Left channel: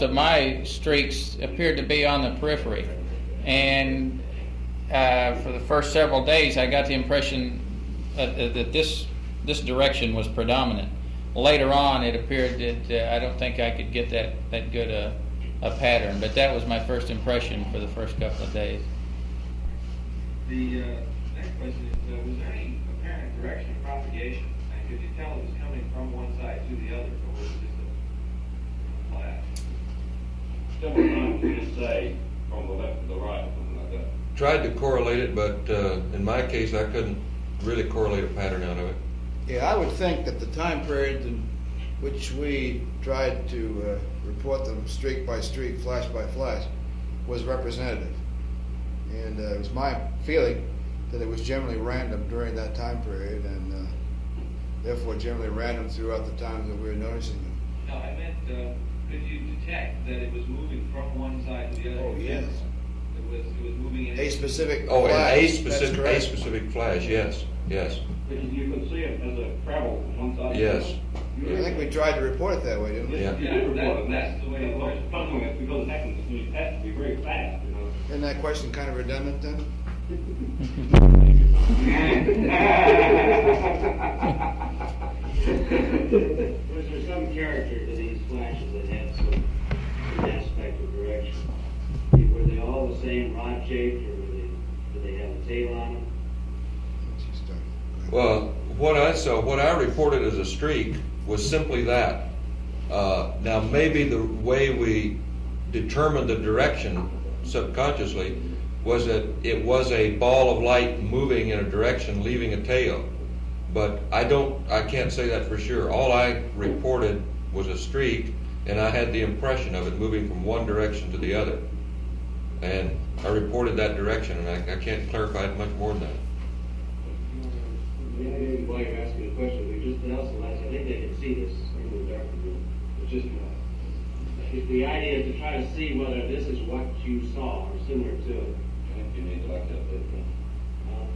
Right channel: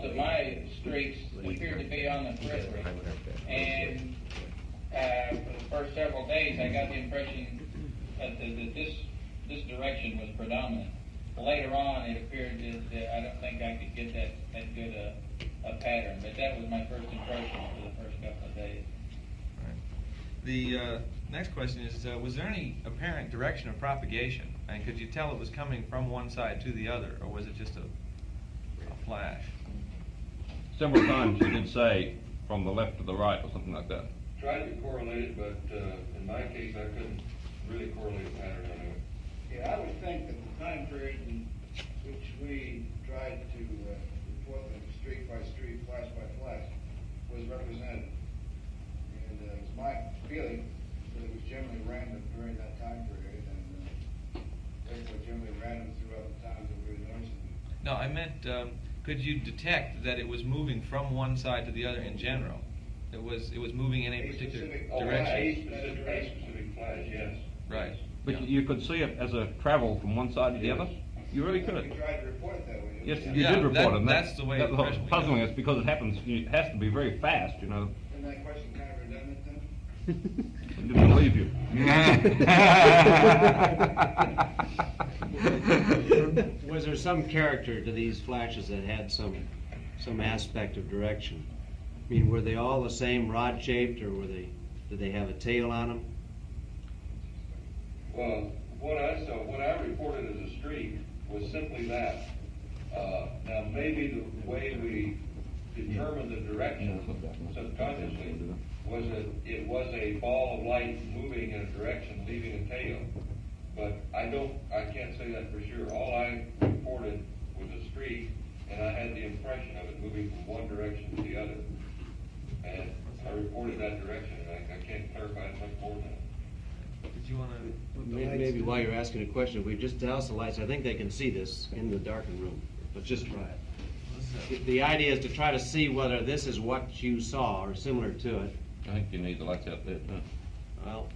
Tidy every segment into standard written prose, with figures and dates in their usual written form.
most of my streaks appeared to be on the periphery, and for the first several days I got the impression that this direction was predominant. Later on it appeared that I don't think I could get that good a pattern, but that was my first impression for the first couple of days. The next question is, was there any apparent direction of propagation? And could you tell it was coming from one side to the other, or was it just a flash? Several times you did say from the left to the right or something like that. Tried to correlate it, but in my case I couldn't really correlate a pattern out of it. Yeah, I would think that the time period in which we tried to report them streak by streak, flash by flash, was representative. And it was my feeling that it was generally random during that time period, and therefore generally random throughout the times that we were noticing them. No, I meant, could you detect that it was moving from one side to the other in general? Yes. It was moving in A specific Oh, flash, a that's specific flash, yes, yes. But you could see it as a travel from one side to the Yes. other. You I really think we could. tried to report it that way, didn't we? Yes, Yeah. you did report it. That's the way That's it what's was. puzzling is because it happens, it has to be very fast, you know. Isn't that question kind of redundant then? Don't believe you. Was there some character to these flashes that had some aspect of direction? I mean, were they all the same rod shaped, or did they have a tail on them? Well, what I saw, what I reported as a streak was simply that. Now maybe the way we determined the direction subconsciously was that it was a ball of light moving in a direction, leaving a tail. But I can't say that for sure. All I reported was a streak, and I had the impression of it moving from one direction to the other. And I reported that direction, and I can't clarify it much more than that. Do you want to? Maybe while you're asking a question, if we just douse the lights, I think they can see this in the darkened room. But just try. The idea is to try to see whether this is what you saw or similar to it. I think you need the lights out there. Well,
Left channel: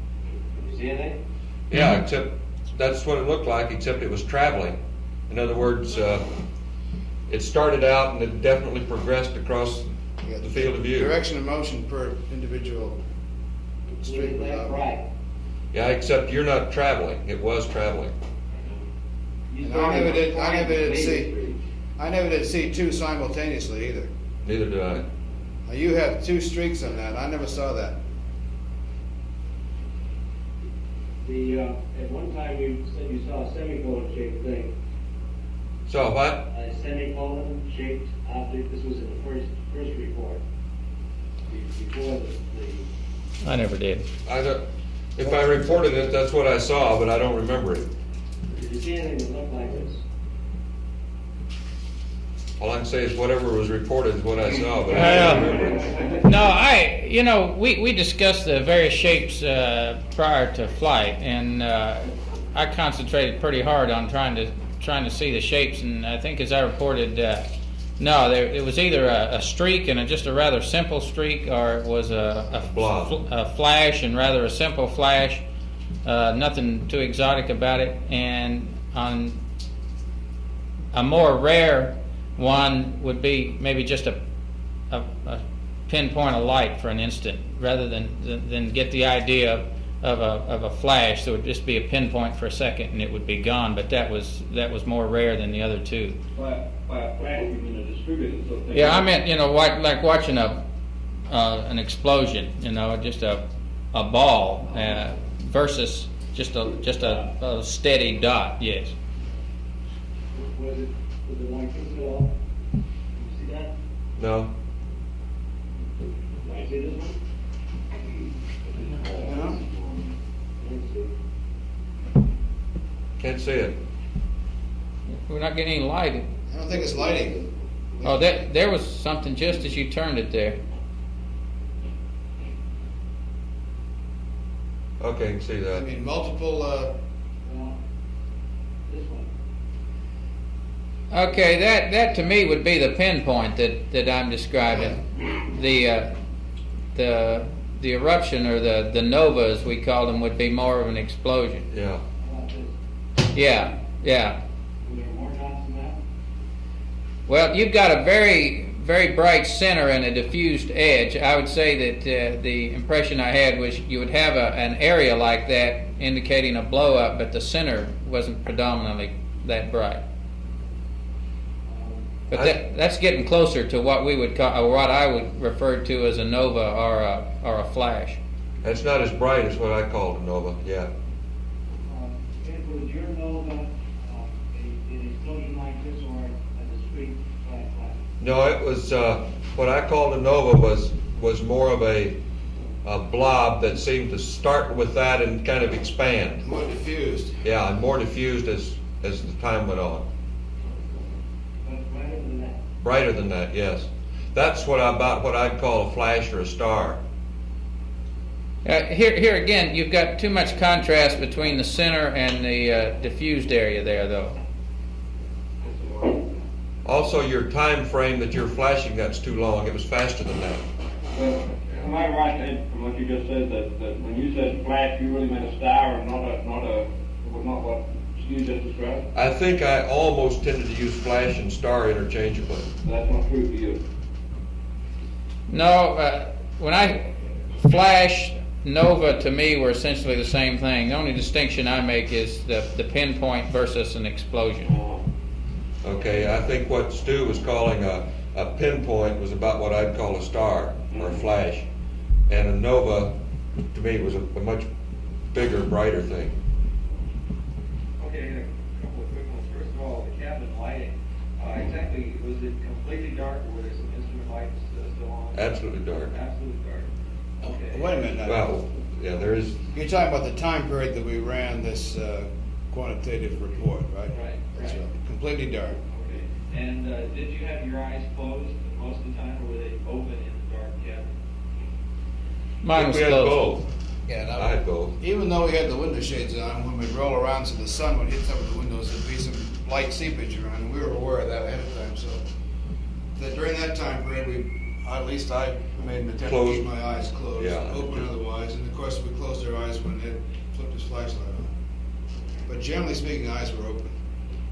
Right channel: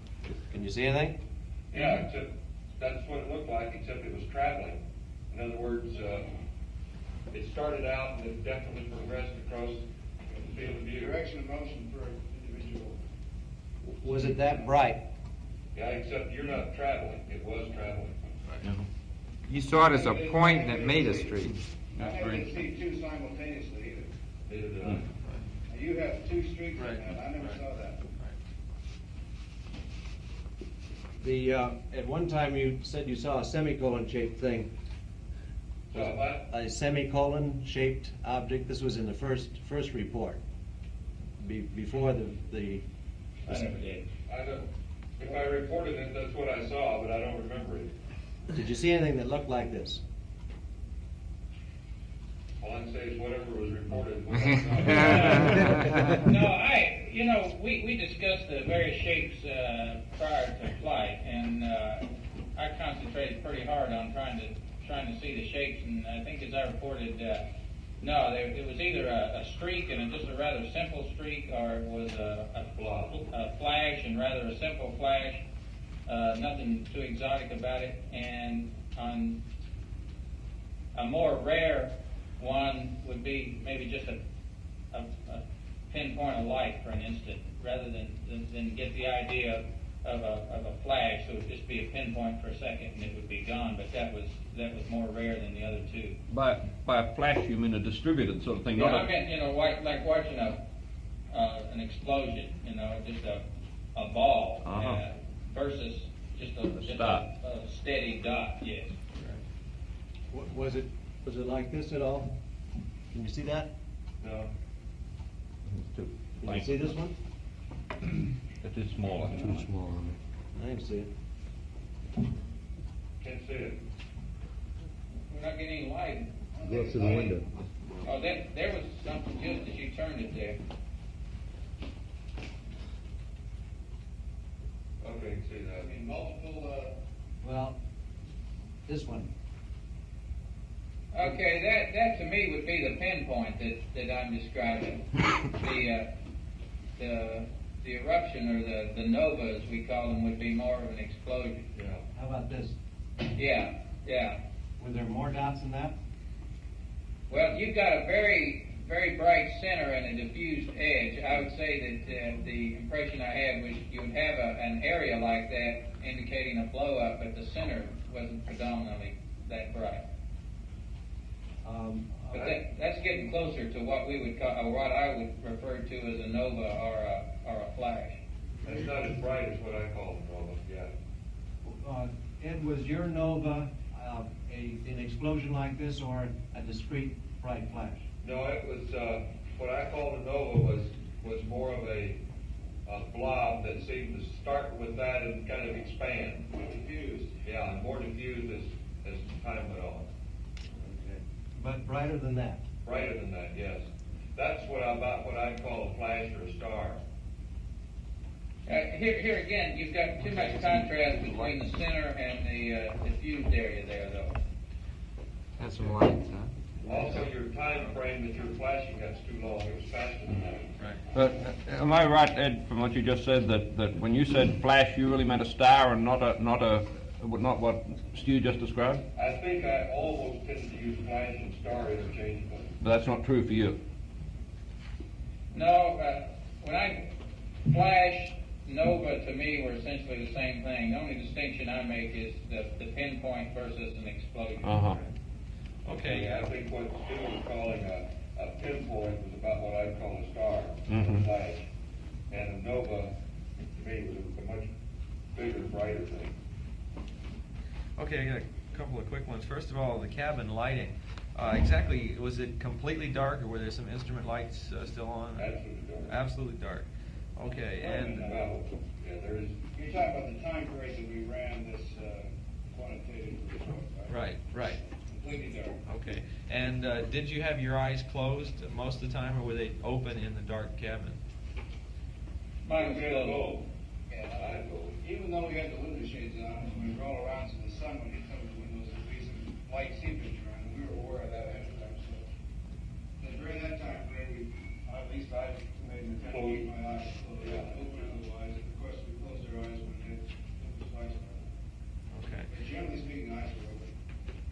can you see anything? Yeah, except that's what it looked like, except it was traveling. In other words, it started out and it definitely progressed across Yeah, the field of view. Direction of motion per individual. Was it that bright? Yeah, except you're not traveling. It was traveling. You saw it as a point that made a streak. I never did see two simultaneously either. Neither did I. Now you have two streaks on that. I never saw that. At one time you said you saw a semicolon shaped thing. So what? A semicolon shaped object. This was in the first report. Before the I never did. If I reported it, that's what I saw, but I don't remember it. Did you see anything that looked like this? All I can say is whatever was reported is what I saw. No, we discussed the various shapes prior to flight, and I concentrated pretty hard on trying to see the shapes, and I think as I reported, no, it was either a streak and just a rather simple streak, or it was a flash and rather a simple flash, nothing too exotic about it, and on a more rare one would be maybe just a pinpoint of light for an instant, rather than get the idea of a flash. So it would just be a pinpoint for a second and it would be gone. But that was more rare than the other two. By a flash, you mean a distributed sort of thing? Yeah, I meant like watching an explosion. Just a ball versus just a steady dot. Yes. Was it like this at all? Can you see that? No. Can you see this one? I can see it. Can't see it. We're not getting any light. I don't think it's lighting. Oh, there was something just as you turned it there. Okay, I can see I that. mean, multiple, Well, this one. Okay, that to me would be the pinpoint that I'm describing. The eruption, or the nova as we call them, would be more of an explosion. Yeah. How about this? Yeah. Were there more dots than that? Well, you've got a very, very bright center and a diffused edge, I would say that the impression I had was you would have an area like that indicating a blow up, but the center wasn't predominantly that bright. But that's getting closer to what we would call, or what I would refer to as a nova or a flash. That's not as bright as what I call a nova, yeah. Ed, was your nova an explosion like this or a discrete bright flash? No, it was, what I called a nova was more of a blob that seemed to start with that and kind of expand. More diffused. Yeah, and more diffused as the time went on. But brighter than that? Brighter than that, yes. That's what I'd call a flash or a star. Here again, you've got too much contrast between the center and the diffused area there, though. That's some light. Also, your time frame that you're flashing, that's too long. It was faster than that. But am I right, Ed, from what you just said, that when you said flash, you really meant a star and not what you just described? I think I almost tended to use flash and star interchangeably. That's not true for you. No, when I flash, nova to me were essentially the same thing. The only distinction I make is the pinpoint versus an explosion. Okay, I think what Stu was calling a pinpoint was about what I'd call a star or a flash. And a nova, to me, was a much bigger, brighter thing. Okay, I got a couple of quick ones. First of all, the cabin lighting. Exactly, was it completely dark, or were there some instrument lights still on? Absolutely dark. Absolutely dark. Okay. Wait a minute. Well, yeah, there is. You're talking about the time period that we ran this quantitative report, right? Right. So, completely dark. Okay. And did you have your eyes closed most of the time, or were they open in the dark cabin? Mine was we had closed. both. Yeah, I had both. even though we had the window shades on, when we roll around so the sun would hit some of the windows, there'd be some light seepage around, and we were aware of that ahead of time. So during that time period, at least I made an attempt to keep my eyes closed, Yeah. open otherwise, and of course we closed our eyes when Ed flipped his flashlight on. But generally speaking, eyes were open.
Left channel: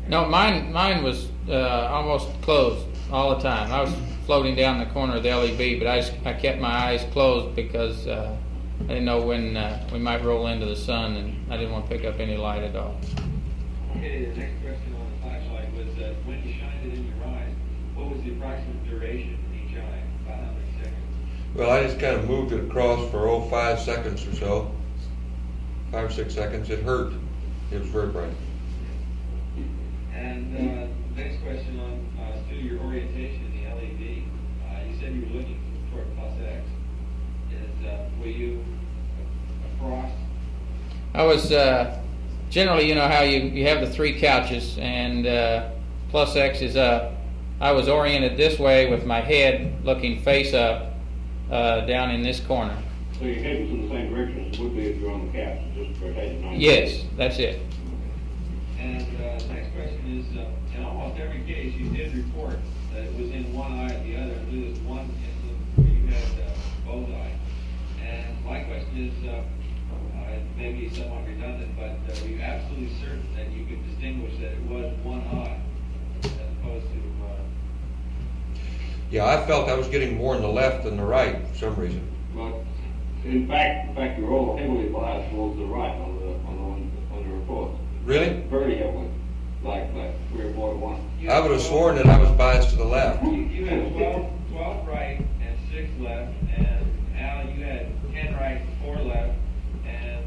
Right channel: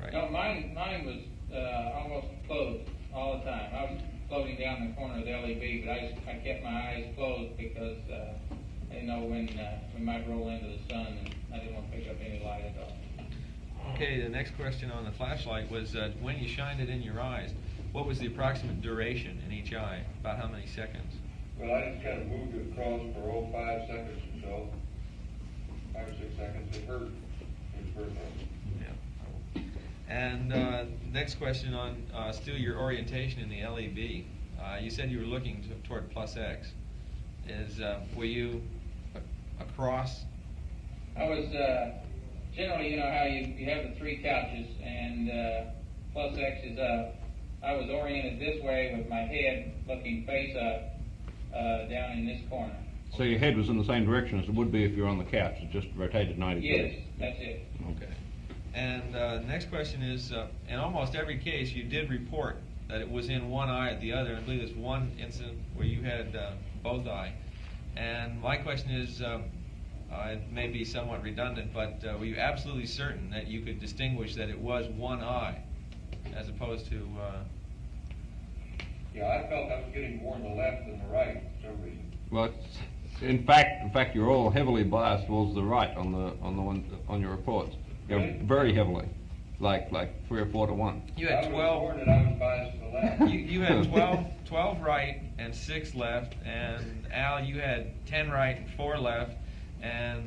No, mine was almost closed all the time. I was floating down the corner of the LEB, but I kept my eyes closed because I didn't know when we might roll into the sun, and I didn't want to pick up any light at all. Okay, the next question on the flashlight was when you shined it in your eyes, what was the approximate duration in each eye? About how many seconds? Well, I just kind of moved it across for 5 seconds or so. 5 or 6 seconds. It hurt. It was very bright. And next question on still your orientation in the LEB. You said you were looking toward plus X. Were you across? I was generally, you know how you have the three couches, and plus X is up. I was oriented this way with my head looking face up down in this corner. So your head was in the same direction as it would be if you were on the couch, it just rotated 90 Yes, degrees. that's it. And next question is, in almost every case, you did report that it was in one eye or the other. I believe there's one incident where you had both eyes. And my question is, it may be somewhat redundant, but were you absolutely certain that you could distinguish that it was one eye as opposed to... Yeah, I felt I was getting more in the left than the right for some reason. Well, in fact, you're all heavily biased towards the right on your reports. Really? Very heavily, like 3 or 4 to 1. You had I would have 12 sworn that I was biased to the left. You had 12 right and 6 left, and Al, you had 10 right, 4 left, and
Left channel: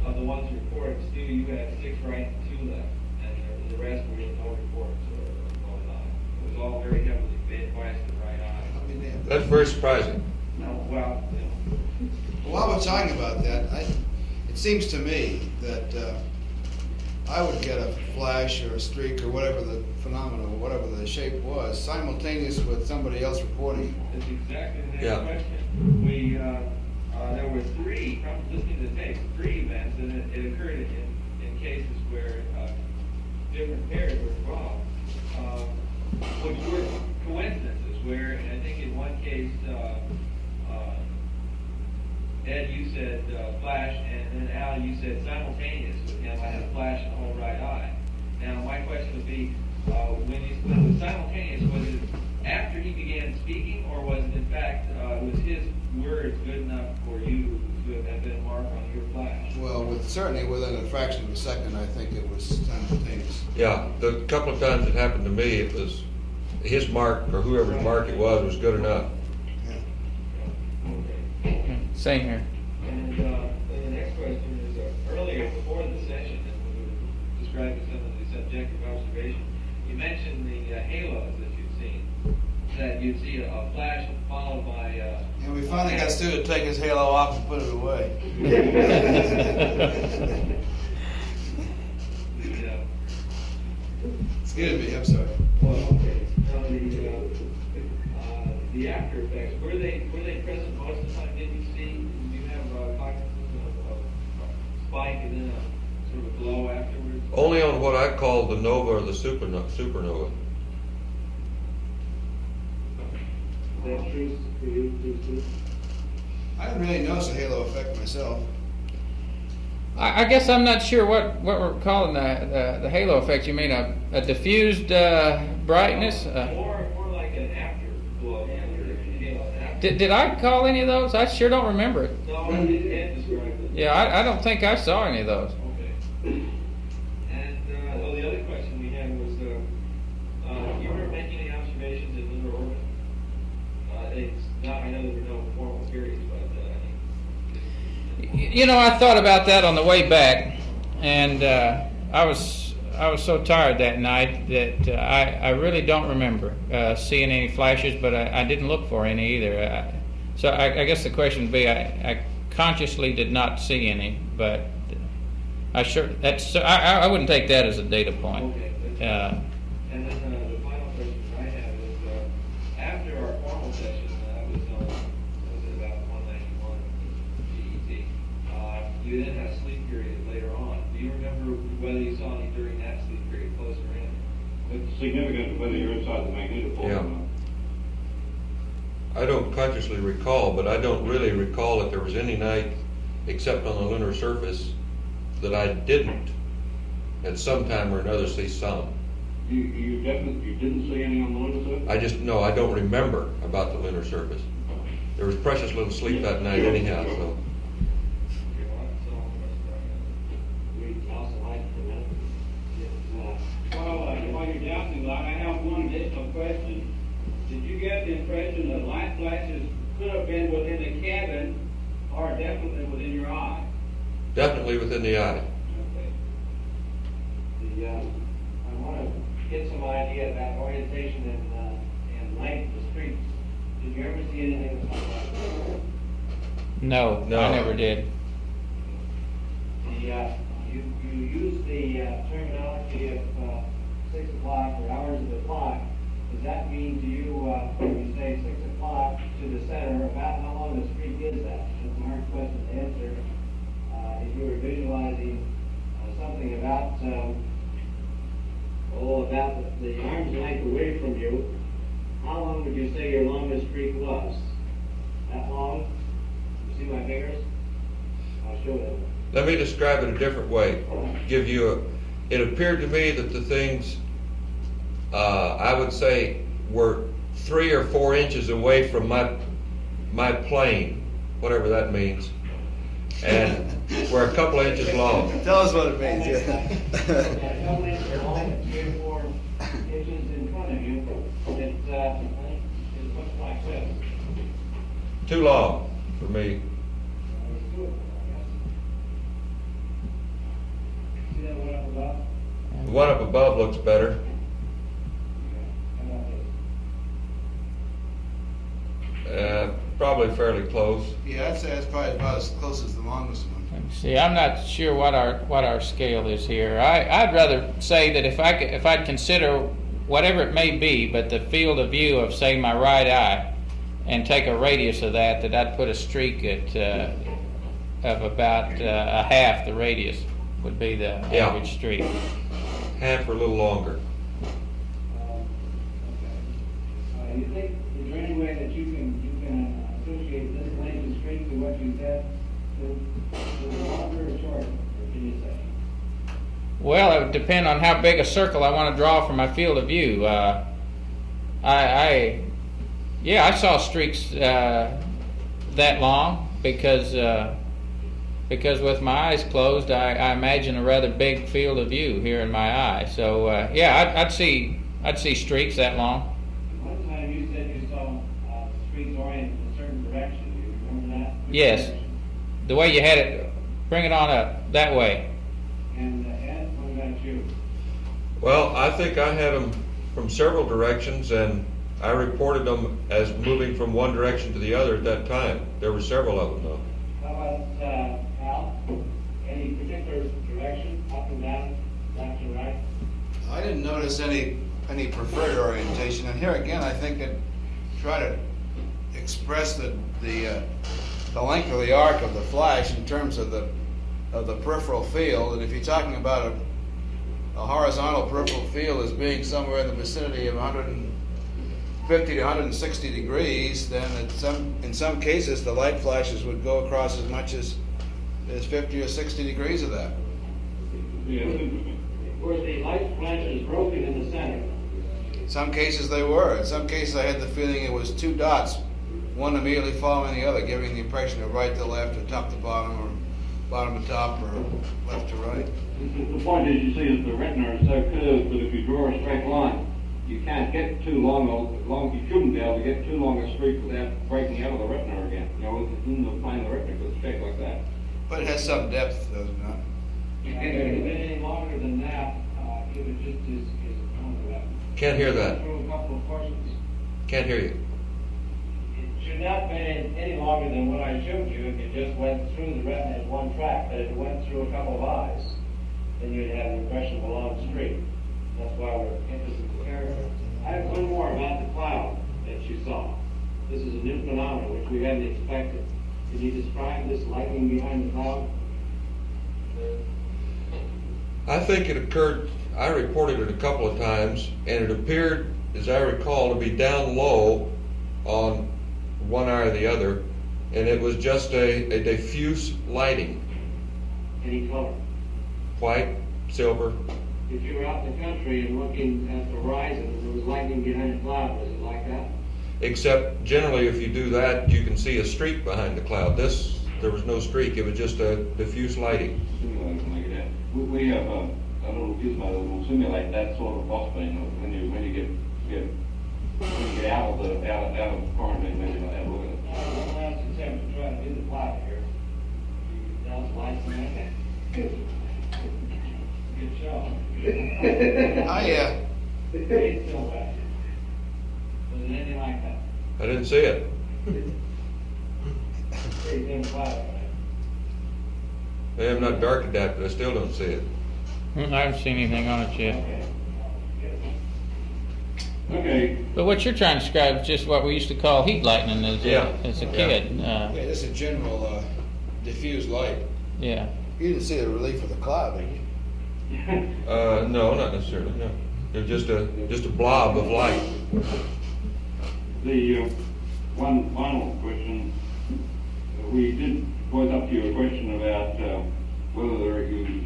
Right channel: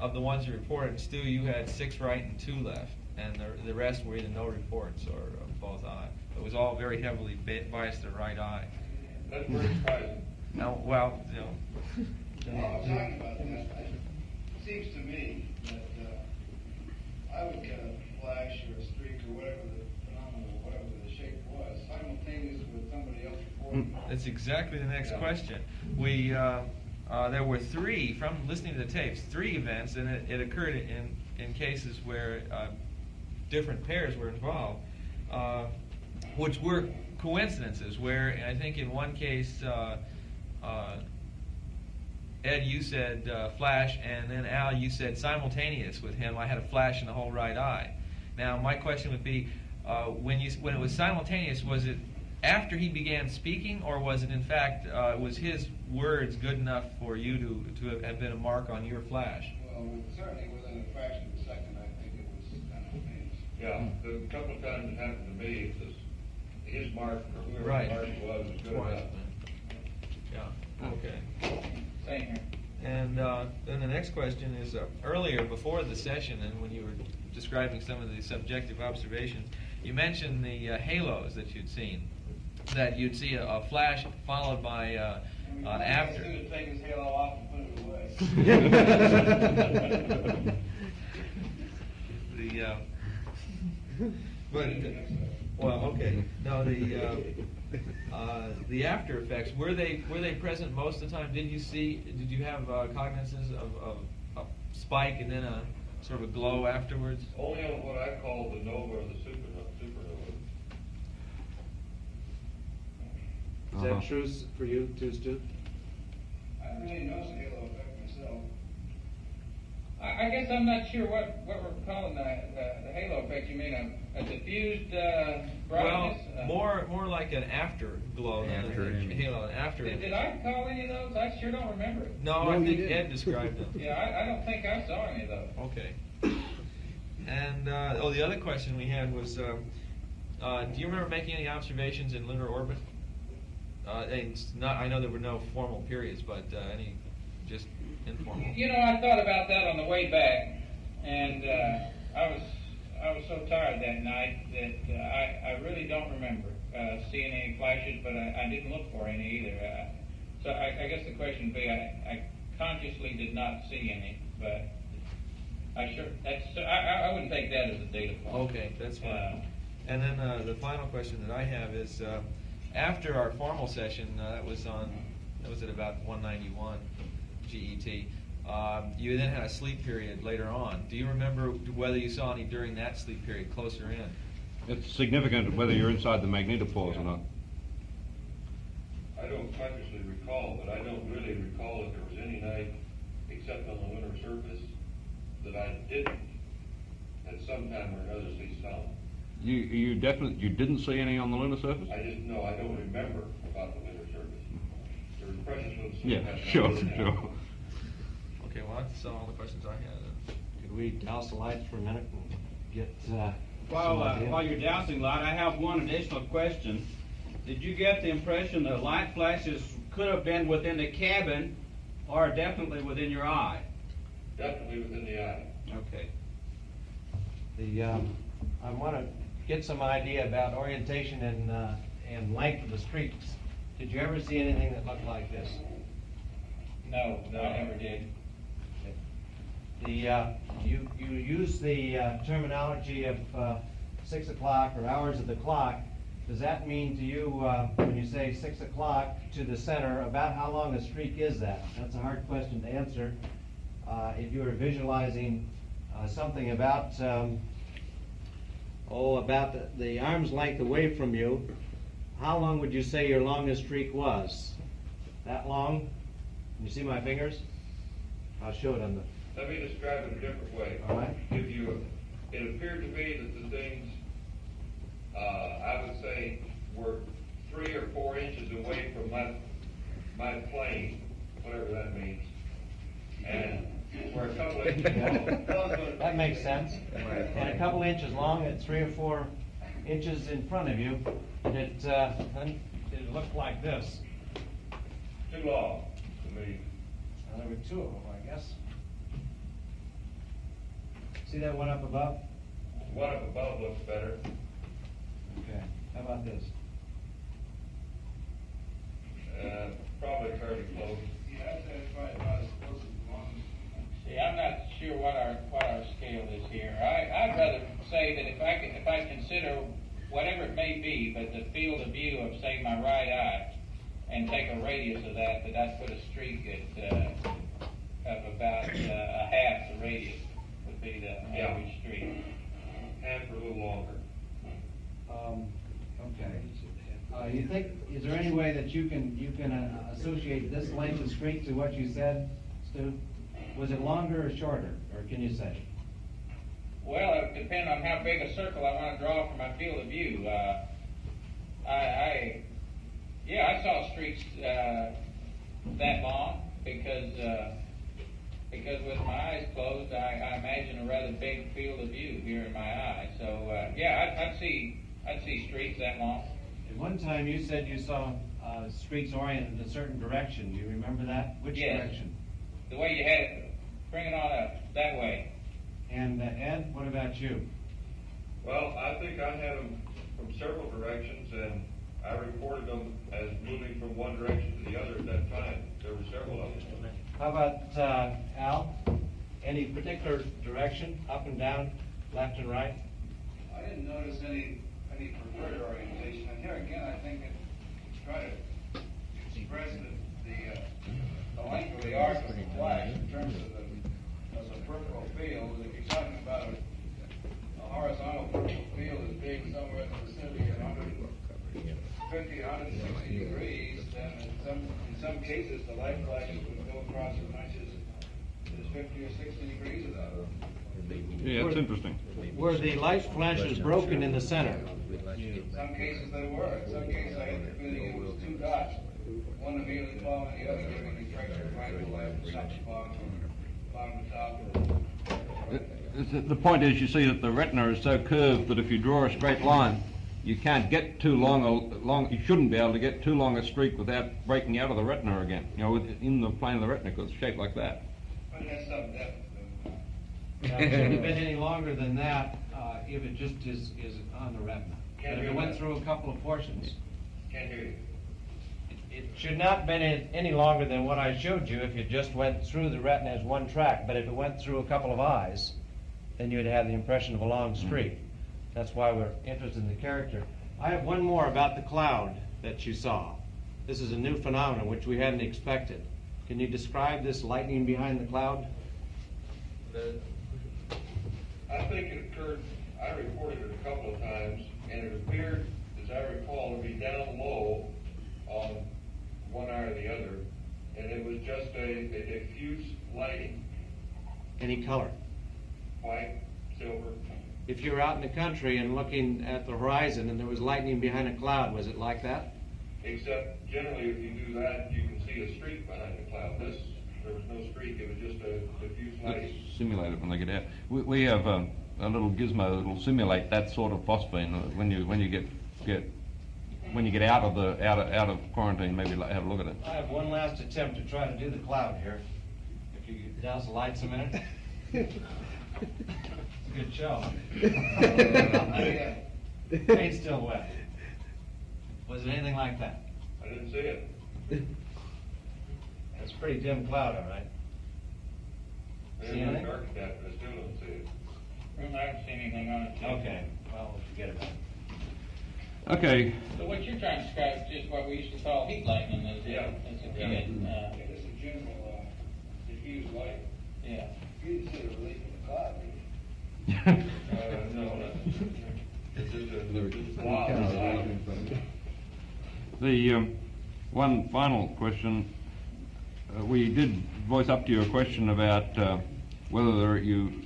of the ones you reported, Stu, you had 6 right and 2 left, and the rest were either no reports or both eyes. It was all very heavily biased to the right eye. That's very surprising. No, well, you know. While we're talking about that, it seems to me that I would get a flash or a streak or whatever the phenomenon, whatever the shape was, simultaneous with somebody else reporting it. That's exactly the next Yeah. question. We there were 3, from listening to the tapes, 3 events, and it occurred in cases where different pairs were involved, which were coincidences. Where I think in one case, Ed, you said flash, and then Al, you said simultaneous with him. I had a flash in the whole right eye. Now, my question would be, when it was simultaneous, was it after he began speaking, or was it in fact, was his words good enough for you to have been a mark on your flash? Well, certainly within a fraction of a second, I think it was simultaneous. Yeah, the couple of times it happened to me, it was his mark or whoever's Right. mark it was good enough. Yeah. Okay. Same here. And then the next question is, earlier, before the session, and when you were describing some of the subjective observation, you mentioned the halos that you'd seen, that you'd see a flash followed by And we finally got Stu to take his halo off and put it away. Excuse me, I'm sorry. Well, okay. Now the after effects, were they present most of the time? Did you have cognizance of a spike and then a sort of a glow afterwards? Only on what I call the nova or the supernova. Is that true for you too, Stu? I didn't really notice a halo effect myself. I guess I'm not sure what we're calling the halo effect. You mean a diffused brightness? More like an afterglow than a halo. Did I call any of those? I sure don't remember it. No, I think Ed described it. Yeah, I don't think I saw any of those. Okay. And the other question we had was, do you remember making any observations in lunar orbit? It's not. I know there were no formal periods, but any just informal. You know, I thought about that on the way back, and I was so tired that night that I really don't remember seeing any flashes, but I didn't look for any either. So I guess the question would be, I consciously did not see any, but I wouldn't take that as a data point. Okay, that's fine. And then the final question that I have is, after our formal session, that was at about 191 GET. You then had a sleep period later on. Do you remember whether you saw any during that sleep period closer in? It's significant whether you're inside the magnetopole Yeah. or not. I don't consciously recall, but I don't really recall that there was any night, except on the lunar surface, that I didn't, at some time or another, see some. You didn't see any on the lunar surface? I don't remember about the lunar surface. There was precious little sleep that night Sure, anyhow, sure. so. Okay, well, that's all the questions I had. We douse the lights for a minute. While you're dousing light, I have one additional question. Did you get the impression that light flashes could have been within the cabin or definitely within your eye? Definitely within the eye. Okay. I want to get some idea about orientation and length of the streets. Did you ever see anything that looked like this? No, No. I never did. You use the terminology of 6 o'clock or hours of the clock. Does that mean to you, when you say 6 o'clock to the center, about how long a streak is that? That's a hard question to answer. If you were visualizing something about about the arm's length away from you, how long would you say your longest streak was? That long? You see my fingers? I'll show it on the... Let me describe it a different way. All right. It appeared to me that the things, I would say, were 3 or 4 inches away from my plane, whatever that means, and were a couple of inches long. Tell us what it That means. makes sense. Yeah, a couple inches long and 3 or 4 inches in front of you. It looks like this. Too long for me. There were 2 of them, I guess. See that one up above? The one up above looks better. Okay. How about this? Probably fairly close. Yeah, I'd say that's probably about as close as the longest one. See, I'm not sure what our scale is here. I'd rather say that if I'd consider whatever it may be, but the field of view of, say, my right eye, and take a radius of that I'd put a streak at of about a half the radius would be the Yeah. average streak. Half or a little longer. Okay. You think, is there any way that you can associate this length of streak to what you said, Stu? Was it longer or shorter, or can you say? Well, it would depend on how big a circle I want to draw from my field of view. Yeah, I saw streaks that long because with my eyes closed, I imagine a rather big field of view here in my eye. So yeah, I'd see streaks that long. One time you said you saw streaks oriented in a certain direction. Do you remember that? Which Yes, direction? the way you had it, bring it on up that way. And Ed, what about you? Well, I think I had them from several directions, and I reported them as moving from one direction to the other at that time. There were several of them, though. How about Al? Any particular direction, up and down, left and right? I didn't notice any preferred orientation, and here again, I think it try to express the length of the arc of the flash in terms of the peripheral field. And if you're talking about a horizontal peripheral field as being somewhere in the vicinity of 150 to 160 degrees, then in some cases the light flashes would go across as much as 50 or 60 degrees of that. Yeah, that's interesting. Were the light flashes broken in the center? In some cases they were. In some cases I had the feeling it was two dots, one immediately following the other, giving the impression of right to left, or top to bottom, or bottom to top, or left to right. The point is, you see that the retina is so curved that if you draw a straight line, you can't get too long. You shouldn't be able to get too long a streak without breaking out of the retina again. You know, in the plane of the retina, because it's shaped like that. But it has some depth, does it not? Now, if it had been any longer than that, if it just is on the retina. Can't hear that. Through a couple of portions. Can't hear you. It should not have been any longer than what I showed you if it just went through the retina as one track. But if it went through a couple of eyes, then you'd have the impression of a long streak. That's why we're interested in the character. I have one more about the cloud that you saw. This is a new phenomenon which we hadn't expected. Can you describe this lightning behind the cloud? I think it occurred, I reported it a couple of times, and it appeared, as I recall, to be down low on one eye or the other, and it was just a diffuse lighting. Any color? White, silver. If you were out in the country and looking at the horizon and there was lightning behind a cloud, was it like that? Except generally if you do that, you can see a streak behind the cloud. There was no streak, it was just a diffuse lighting. Simulator, something like that. We have a little gizmo that will simulate that sort of phosphene. When you get out of quarantine, maybe have a look at it. I have one last attempt to try to do the cloud here. You douse the lights a minute. Good job. Hey, still wet. Was it anything like that? I didn't see it. It's pretty dim cloud, right? Hey, I'm not dark adapted, I still don't see it. I haven't seen anything on it yet. Okay, well, forget it. Okay. But what you're trying to describe is just what we used to call heat lightning as a kid. Yeah, just a general diffuse light. Yeah. You didn't see the relief of the cloud, did you? No, not necessarily, no. It's just a blob of light. The one final question, we did voice up to your question about whether you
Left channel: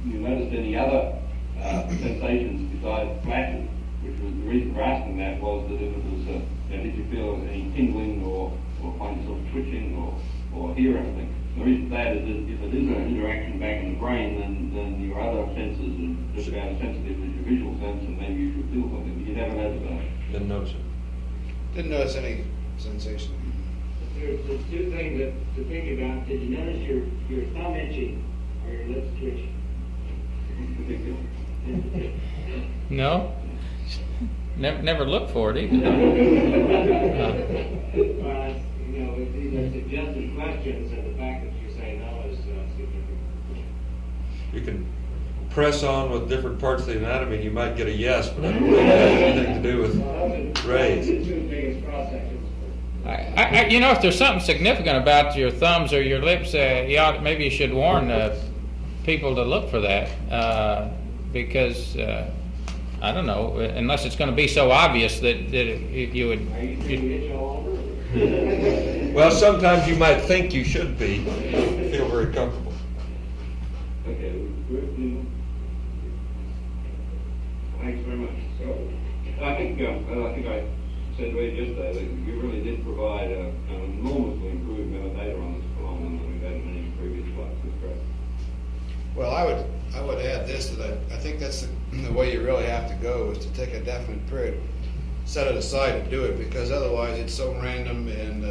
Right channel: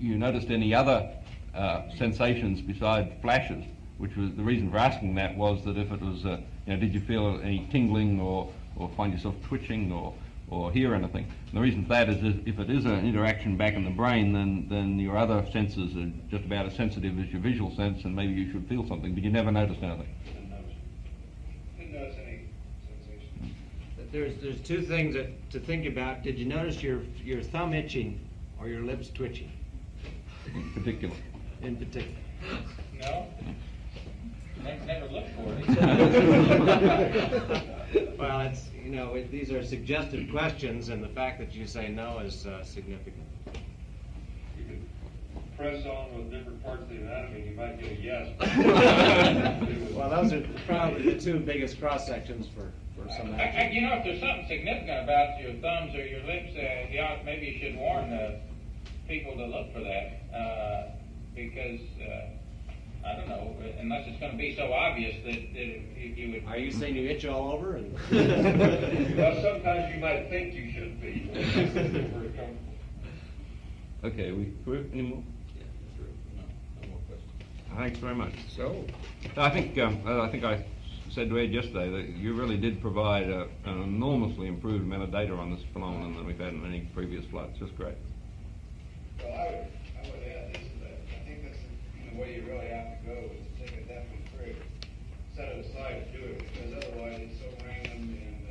noticed any other sensations besides flashes, which was the reason for asking that was that if it was, did you feel any tingling or find yourself twitching or hear anything? The reason for that is that if it is an interaction back in the brain, then your other senses are just about as sensitive as your visual sense, and maybe you should feel something, but you never noticed anything. Didn't notice it. Didn't notice any sensation. There's two things to think about. Did you notice your thumb itching or your lips twitching? Particular. In particular. No? Never looked for it either. Well, it's, these are suggestive questions, and the fact that you say no is significant. You can press on with different parts of the anatomy, you might get a yes, but it has nothing to do with Well, those are probably the two biggest cross sections for. If there's something significant about your thumbs or your lips, maybe you should warn people to look for that, because I don't know, unless it's going to be so obvious that you would. Are you saying you itch all over? Well, sometimes you might think you should be, feel very comfortable. Okay, thanks very much. So, I think I said to Ed yesterday that you really did provide an enormously improved amount of data on this phenomenon than we've had in any previous flights. It's great. Well, I would add this, that I think that's the way you really have to go, is to take a definite period, set it aside to do it, because otherwise it's so random and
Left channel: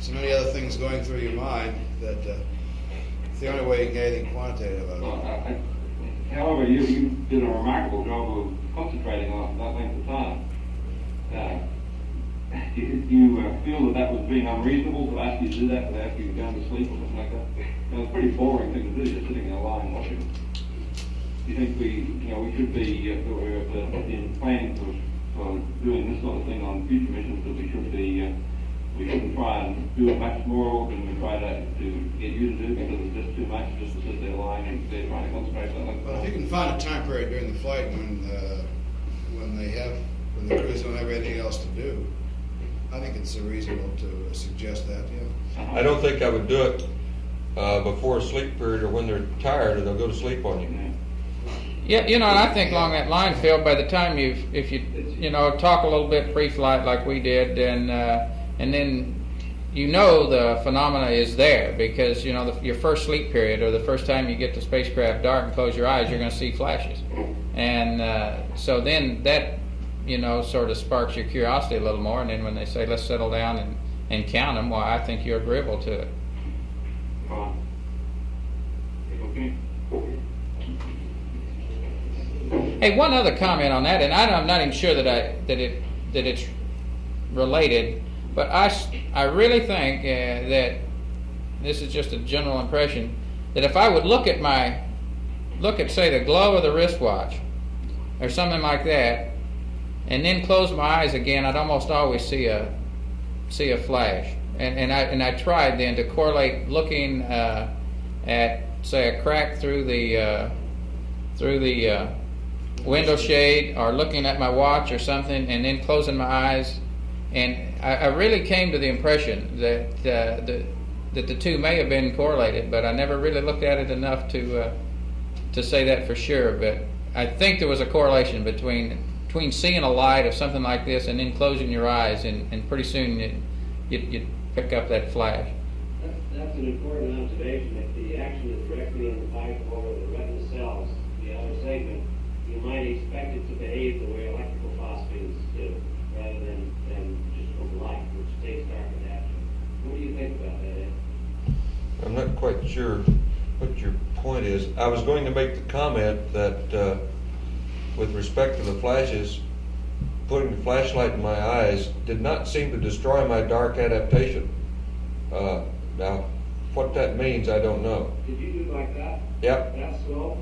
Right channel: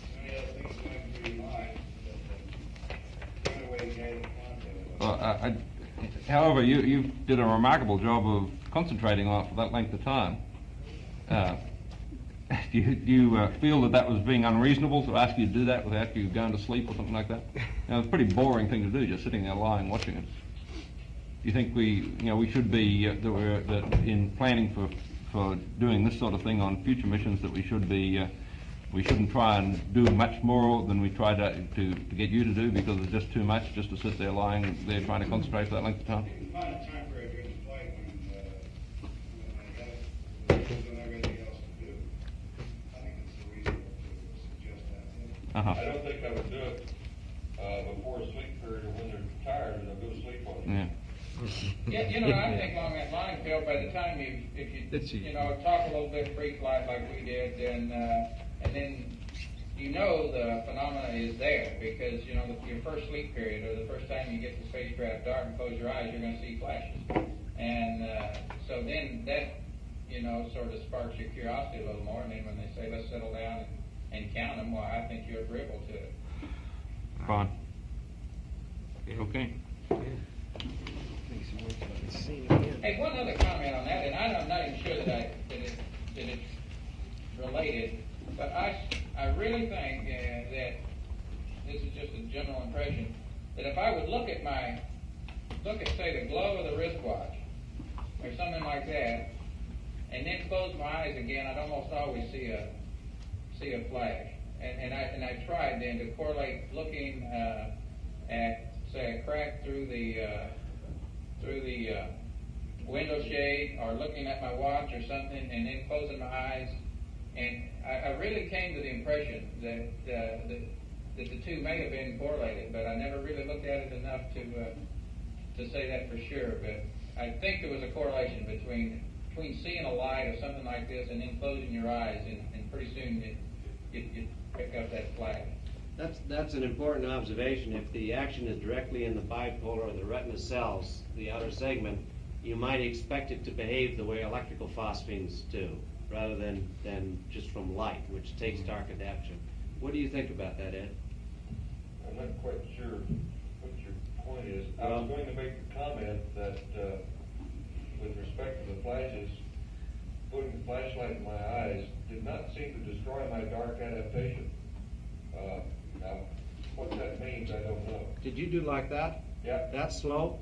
so many other things going through your mind that it's the only way you get anything quantitative out of it. However, you did a remarkable job of concentrating on that length of time. Do you feel that was being unreasonable to ask you to do that without you going to sleep or something like that? It's a pretty boring thing to do, just sitting there lying watching it. Do you think we should be that in planning for doing this sort of thing on future missions, that we shouldn't try and do much more than we try to get you to do, because it's just too much just to sit there lying there trying to concentrate that length of Well, time? if you can find a time period during the flight when the crews don't have anything else to do, I think it's reasonable to suggest that, yeah. Uh-huh. I don't think I would do it before a sleep period or when they're tired or they'll go to sleep on you. Yeah. Yeah, and I think along that line, Phil, by the time if you talk a little bit pre-flight like we did, and then the phenomena is there, because your first sleep period, or the first time you get the spacecraft dark and close your eyes, you're going to see flashes, and so then that sort of sparks your curiosity a little more, and then when they say let's settle down and count them, well, I think you're agreeable to it. Fine. Okay. Hey, one other comment on that, and I'm not even sure that it's related, but I really think that this is just a general impression, that if I would look at say the glow of the wristwatch or something like that, and then close my eyes again, I'd almost always see a flash. And I tried then to correlate looking at say a crack through the window shade, or looking at my watch or something, and then closing my eyes, and I really came to the impression that the two may have been correlated, but I never really looked at it enough to say that for sure. But I think there was a correlation between seeing a light of something like this and then closing your eyes, and pretty soon you'd pick up that flash. That's an important observation. If the action is directly in the bipolar or the retina cells, the outer segment, you might expect it to behave the way electrical phosphines do, rather than just from light, which takes dark adaptation. What do you think about that, Ed? I'm not quite sure what your point is. I was going to make the comment that with respect to the flashes, putting the flashlight in my eyes did not seem to destroy my dark adaptation. Now, what that means, I don't know. Did you do like that? Yep. That slow?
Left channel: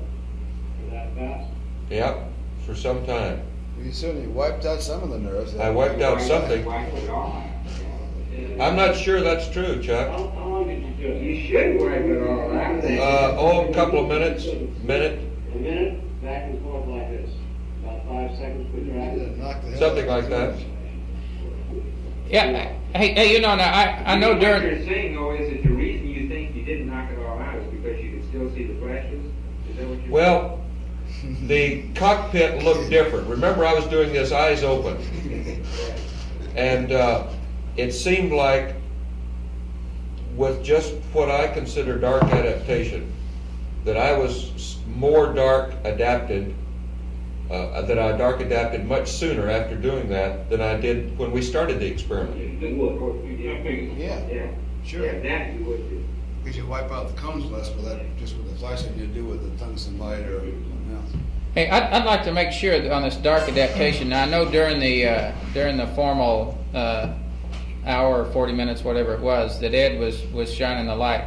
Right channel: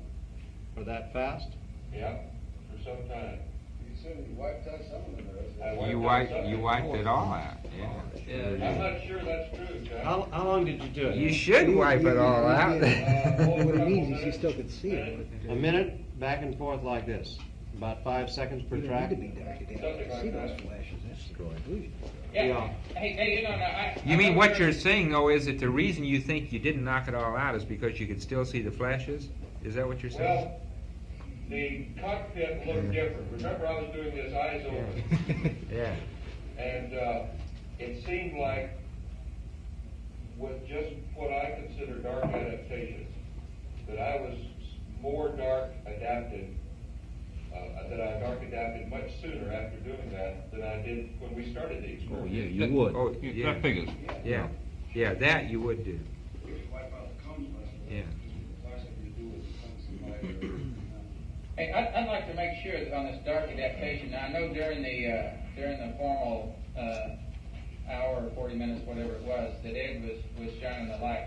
Or that fast? Yep, for some time. You certainly wiped out some of the nerves. I wiped out something. Wiped it all out. I'm not sure that's true, Chuck. How long did you do it? You should wipe it all out. A couple of minutes, minute, A minute, back and forth like this. About 5 seconds per track. something like that. Yeah. Hey, now I know what during- you're saying, though, is that the reason you think you didn't knock it all out is because you could still see the flashes? Is that what you're saying? Well, the cockpit looked different. Remember, I was doing this eyes open. And it seemed like, with just what I consider dark adaptation, that I was more dark adapted, that I dark adapted much sooner after doing that than I did when we started the experiment. You would. That figures. Yeah. Sure. Yeah, that you would do. Because you wipe out the cones less with that, just with the flashlight you do with the tungsten light or something else. Hey, I'd like to make sure that on this dark adaptation. Now, I know during the formal hour or 40 minutes, whatever it was, that Ed was shining the light.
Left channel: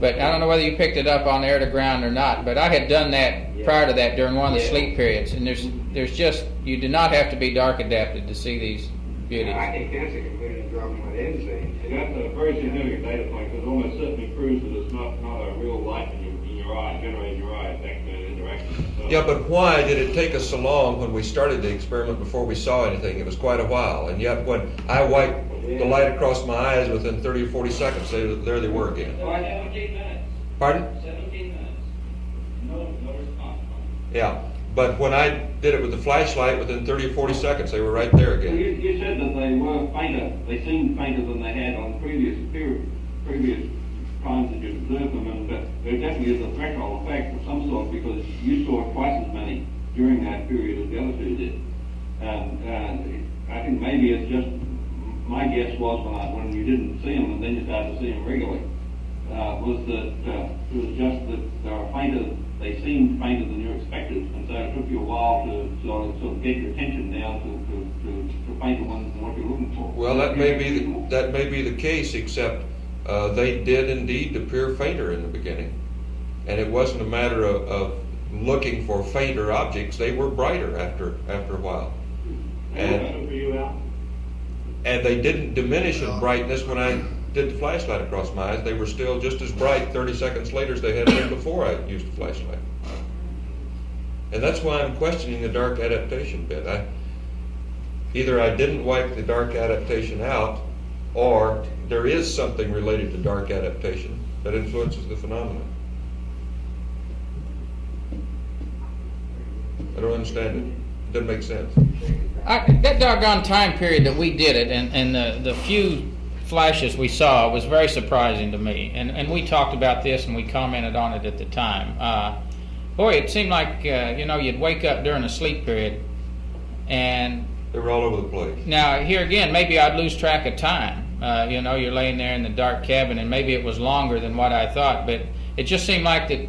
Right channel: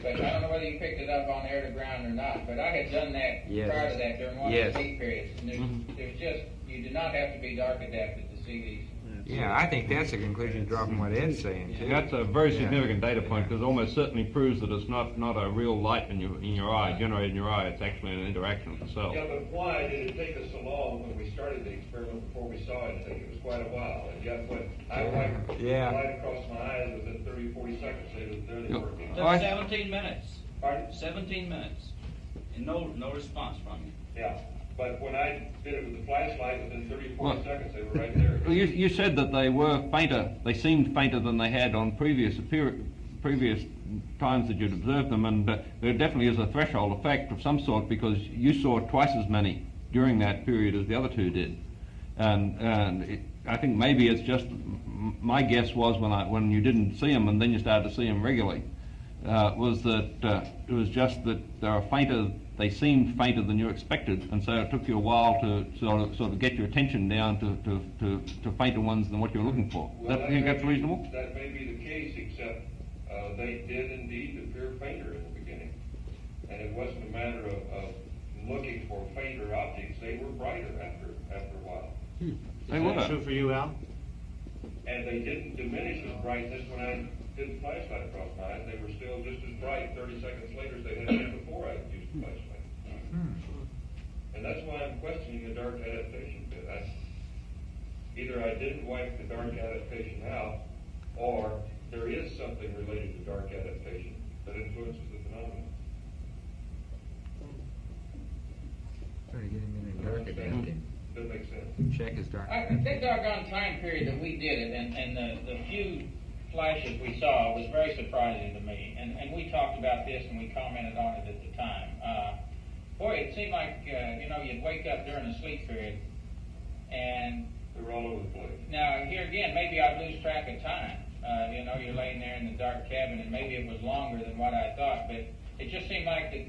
But I don't know whether you picked it up on air to ground or not. But I had done that prior to that during one of the sleep periods, and there's just, you do not have to be dark adapted to see these beauties. Yeah, I think that's a conclusion drawn from what Ed's saying. That's a very significant data point, because it almost certainly proves that it's not a real light in your eye, generated in your eye. It's actually an interaction itself. Yeah, but why did it take us so long when we started the experiment before we saw anything? It was quite a while, and yet when I wiped the light across my eyes, within 30 or 40 seconds, there they were again. 17 minutes. Pardon? 17 minutes. No response from you. Yeah, But when I did it with the flashlight, within 30 or 40 seconds, they were right there Well, again. you said that they were fainter, they seemed fainter than they had on previous times that you'd observed them, and there definitely is a threshold effect of some sort, because you saw twice as many during that period as the other two did. And I think maybe it's just, my guess was when you didn't see them and then you started to see them regularly, was that it was just that they were fainter, they seemed fainter than you expected, and so it took you a while to sort of get your attention down to fainter ones than what you were looking for. Well, that may be the case, except they did indeed appear fainter in the beginning. And it wasn't a matter of looking for fainter objects, they were brighter after a while. Question for you, Al? And they didn't diminish in brightness when I did the flashlight across my eyes. They were still just as bright 30 seconds later as they had been before I used the flashlight. And that's why I'm questioning the dark adaptation bit. Either I didn't wipe the dark adaptation out, or there is something related to dark adaptation that influences the phenomenon. I don't understand it. Doesn't make sense. That doggone time period that we did it, and the few flashes we saw was very surprising to me. And we talked about this and we commented on it at the time. Boy, it seemed like you'd wake up during a sleep period, and They were all over the place. now here again, maybe I'd lose track of time. You're laying there in the dark cabin, and maybe it was longer than what I thought, but it just seemed like that.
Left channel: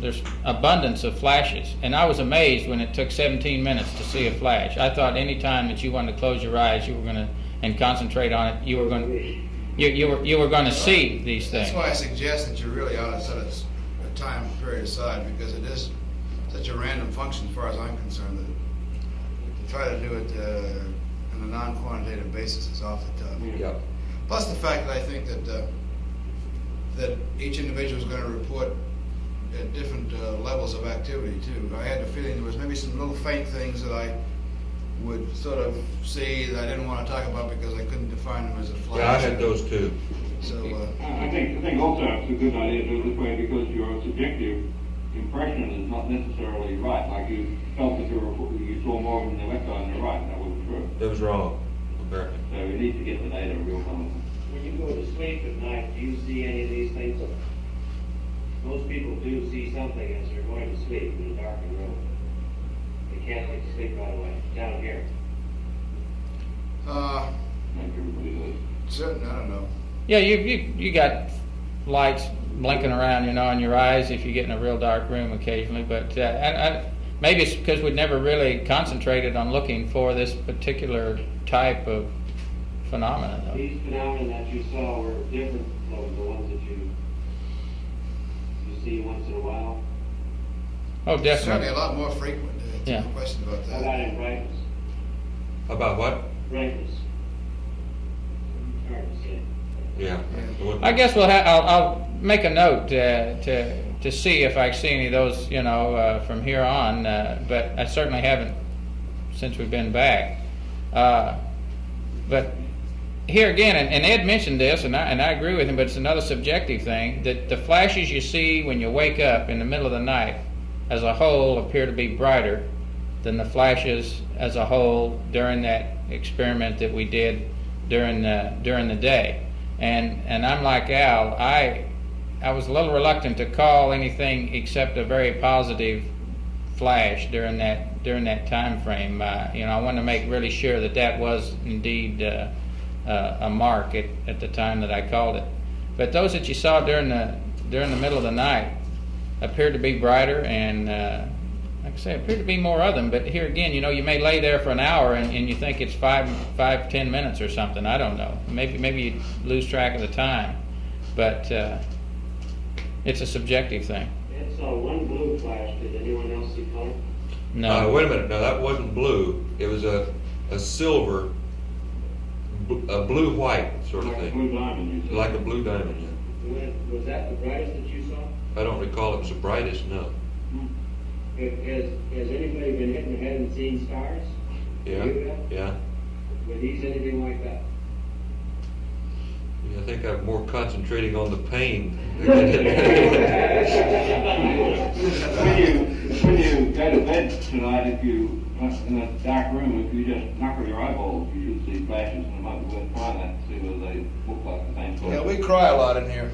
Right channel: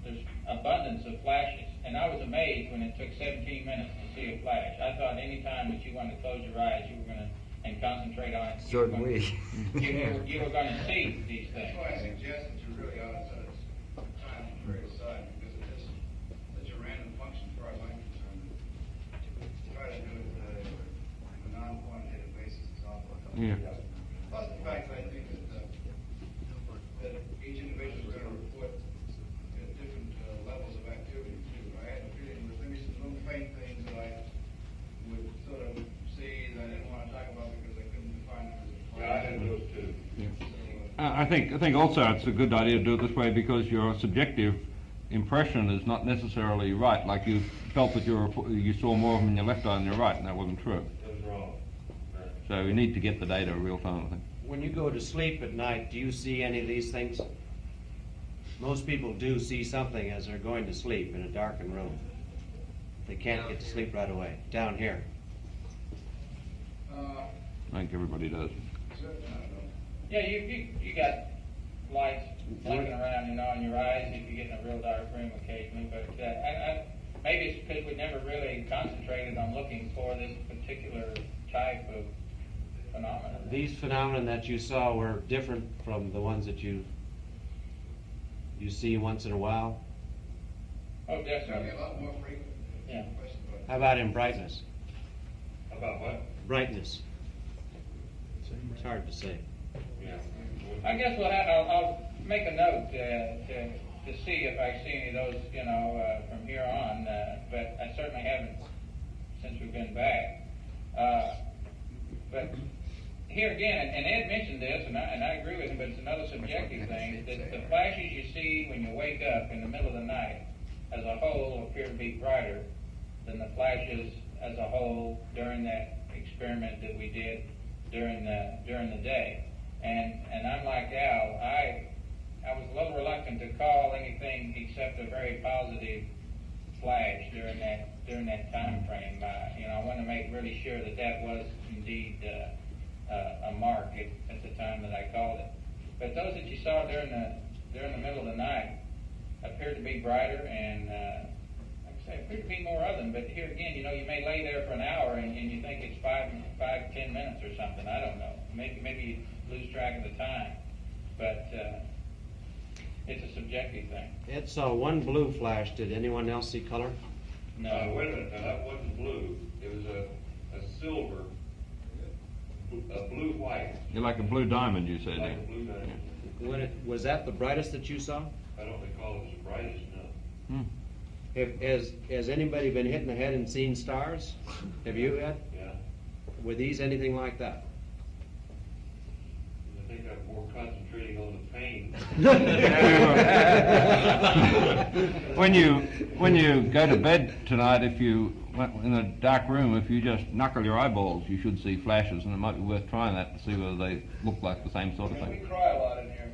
There's abundance of flashes, and I was amazed when it took 17 minutes to see a flash. I thought any time that you wanted to close your eyes, you were going to and concentrate on it, you were going to see these things. That's why I suggest that you really ought to set a time period aside, because it is such a random function as far as I'm concerned, that to try to do it on a non-quantitative basis is awfully tough. Yeah. Plus the fact that I think that each individual is going to report at different levels of activity too. I had the feeling there was maybe some little faint things that I would sort of see that I didn't want to talk about because I couldn't define them as a flash. Yeah, I had those too. So I think also it's a good idea to do it this way, because your subjective impression is not necessarily right. Like you felt that you saw more of them in your left eye than your right, and that wasn't true. It was wrong. Apparently. So we need to get the data real time. When you go to sleep at night, do you see any of these things? Most people do see something as they're going to sleep in a darkened room. They can't get to sleep right away. Down here. I think everybody does. certainly, I don't know. Yeah, you got lights blinking around, in your eyes if you get in a real dark room occasionally. But maybe it's because we'd never really concentrated on looking for this particular type of phenomenon. These phenomena that you saw were different from the ones that you see once in a while. Oh, Certainly definitely. a lot more frequent. Yeah. No question about that. How about in brightness? About what? Brightness. It's hard to say. Yeah. I guess I'll make a note to see if I see any of those, from here on. But I certainly haven't since we've been back. But here again, and Ed mentioned this, and I agree with him, but it's another subjective thing, that the flashes you see when you wake up in the middle of the night as a whole appear to be brighter than the flashes as a whole during that experiment that we did during the day. And I'm like Al, I was a little reluctant to call anything except a very positive flash during that time frame. I wanted to make really sure that was indeed a mark at the time that I called it. But those that you saw during the middle of the night appeared to be brighter, and like I say, appeared to be more of them. But here again, you may lay there for an hour and you think it's 5-10 minutes or something. I don't know. Maybe you lose track of the time, but it's a subjective thing. Ed saw one blue flash. Did anyone else see color? No. Wait a minute. No, that wasn't blue. It was a silver, a blue-white sort Like of a thing. blue diamond, you said. Like a blue diamond. Was that the brightest that you saw? I don't recall it was the brightest, no. Has anybody been hit in the head and seen stars? Yeah. You have? Yeah. Were these anything like that? I think I'm more concentrating on the pain. When you go to bed tonight, if you in a dark room, if you just knuckle your eyeballs, you should see flashes, and it might be worth trying that to see whether they look like the same sort Yeah, of. we cry a lot in here.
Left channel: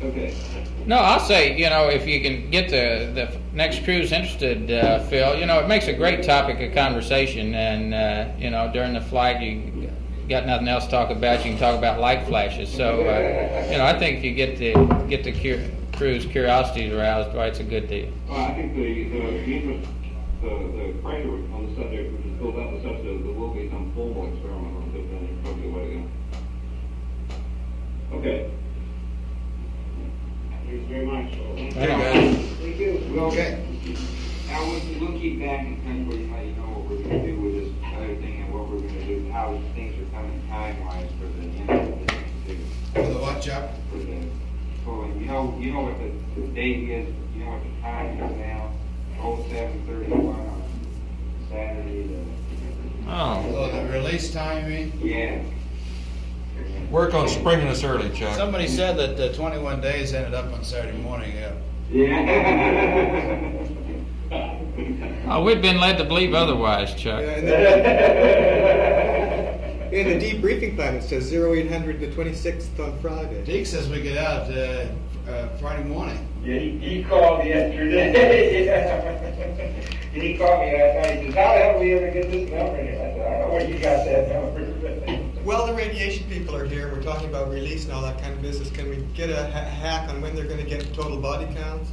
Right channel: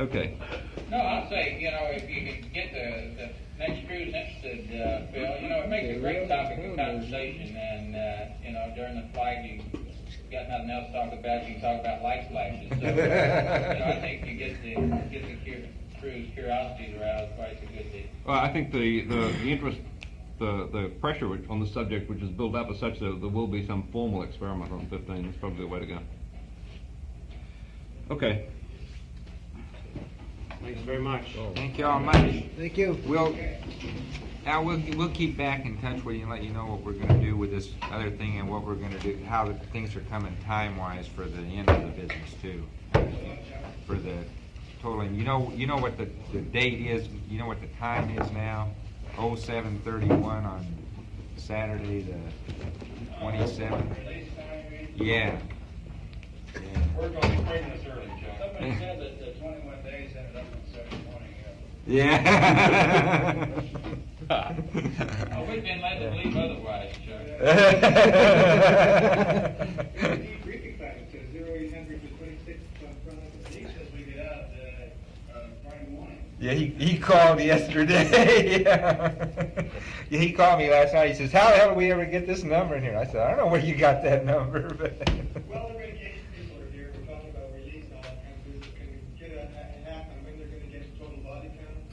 Okay. No, I'll say, you know, if you can get the next cruise interested, Phil, you know, it makes a great topic of conversation, and, you know, during the flight, you got nothing else to talk about, you can talk about light flashes, so, you know, I think if you get the crew's curiosity aroused, why, it's a good deal. Well, I think the interest, the pressure on the subject which is built up is such that there will be some formal experiment on 15. It's probably the way to go. Okay. Thanks very much. Thank you. Now, we'll keep back in touch with you and let you know what we're gonna do with this other thing and what we're gonna do, how things are coming time-wise for the end of the business too. For the what, Chuck? For the totally, you know what the date is, you know what the time is now? 07:31 on Saturday, Oh. The release time, you mean? yeah. Work on springing us early, Chuck. Somebody said that 21 days ended up on Saturday morning, yeah. Yeah. Oh, we've been led to believe otherwise, Chuck. In the debriefing plan, it says 0800 the 26th on Friday. Deke says we get out Friday morning. Yeah, he called me yesterday. Yeah, he called me last night. He says, "How the hell did we ever get this number in here?" I said, "I don't know where you got that number." Well, the radiation people are here. We're talking about release and all that kind of business. Can we get a hack on when they're going to get total body counts?